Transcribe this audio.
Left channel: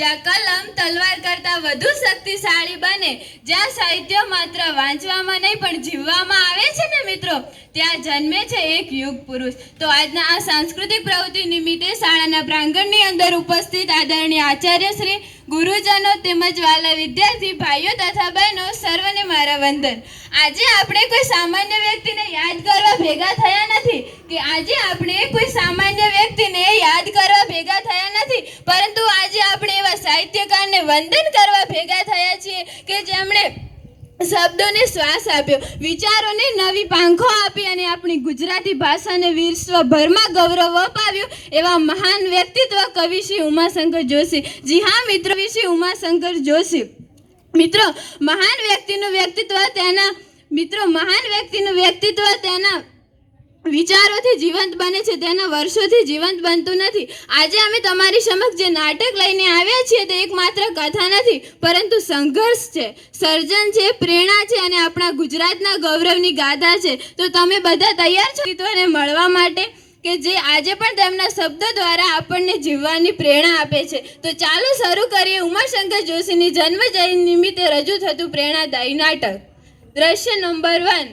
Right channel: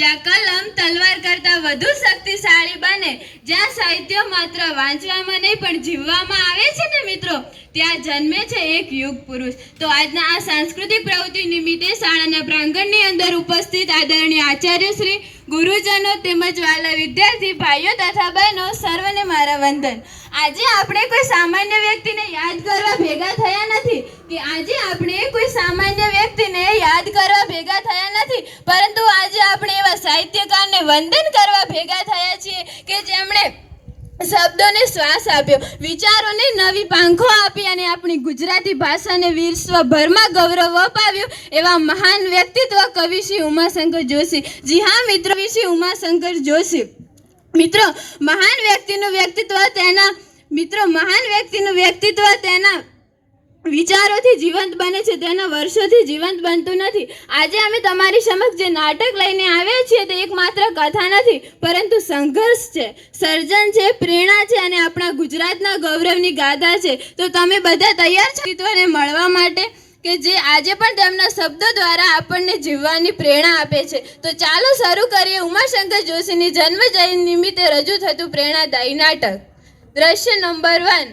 જ્યાં કલમ તલવાર કરતાં વધુ શક્તિશાળી બને, જ્યાં સાહિત્ય માત્ર વાંચવામાં નહીં પણ જીવવામાં આવે છે ને મિત્રો, ત્યાં જન્મે છે એક યુગ પુરુષ. તો આજના આ સાંસ્કૃતિક પ્રવૃત્તિ નિમિત્તે શાળાના પ્રાંગણની અંદર ઉપસ્થિત આદરણીય આચાર્યશ્રી, ગુરુજનો તેમજ વાલા વિદ્યાર્થી ભાઈઓ તથા બહેનો સર્વને મારા વંદન. આજે આપણે કોઈ સામાન્ય વ્યક્તિને યાદ કરવા ભેગા થયા નથી પરંતુ આજે આપણે એવા સાહિત્યકારને વંદન કરવા ભેગા થયા છીએ કે જેમણે શબ્દોને શ્વાસ આપ્યો, વિચારોને નવી પાંખો આપી અને આપણી ગુજરાતી ભાષાને વિશ્વભરમાં ગૌરવ અપાવ્યું એવા મહાન વ્યક્તિત્વ કવિ શ્રી ઉમાશંકર જોશી. જી હા મિત્રો, શ્રી ઉમાશંકર જોશી. મિત્રો, મહાન વ્યક્તિનું વ્યક્તિત્વ તેના વિચારોથી જીવંત બને છે, તેના વર્ષોથી જીવંત બનતું નથી. આજે અમે તમારી સમક્ષ જે નાટક લઈને આવ્યા છીએ તે એકમાત્ર કથા નથી પરંતુ સંઘર્ષ છે, સર્જન છે, પ્રેરણા છે અને આપણા ગુજરાતના ગૌરવની ગાથા છે. તો તમે બધા તૈયાર છો વ્યક્તિત્વને મળવા માટે કે જે આજે પણ તેમના શબ્દો દ્વારા આપણને જીવવાની પ્રેરણા આપે છે? તો ચાલો શરૂ કરીએ ઉમાશંકર જોશીની જન્મ જયંતિ નિમિત્તે રજૂ થતું પ્રેરણાદાયી નાટક. દ્રશ્ય નંબર 1.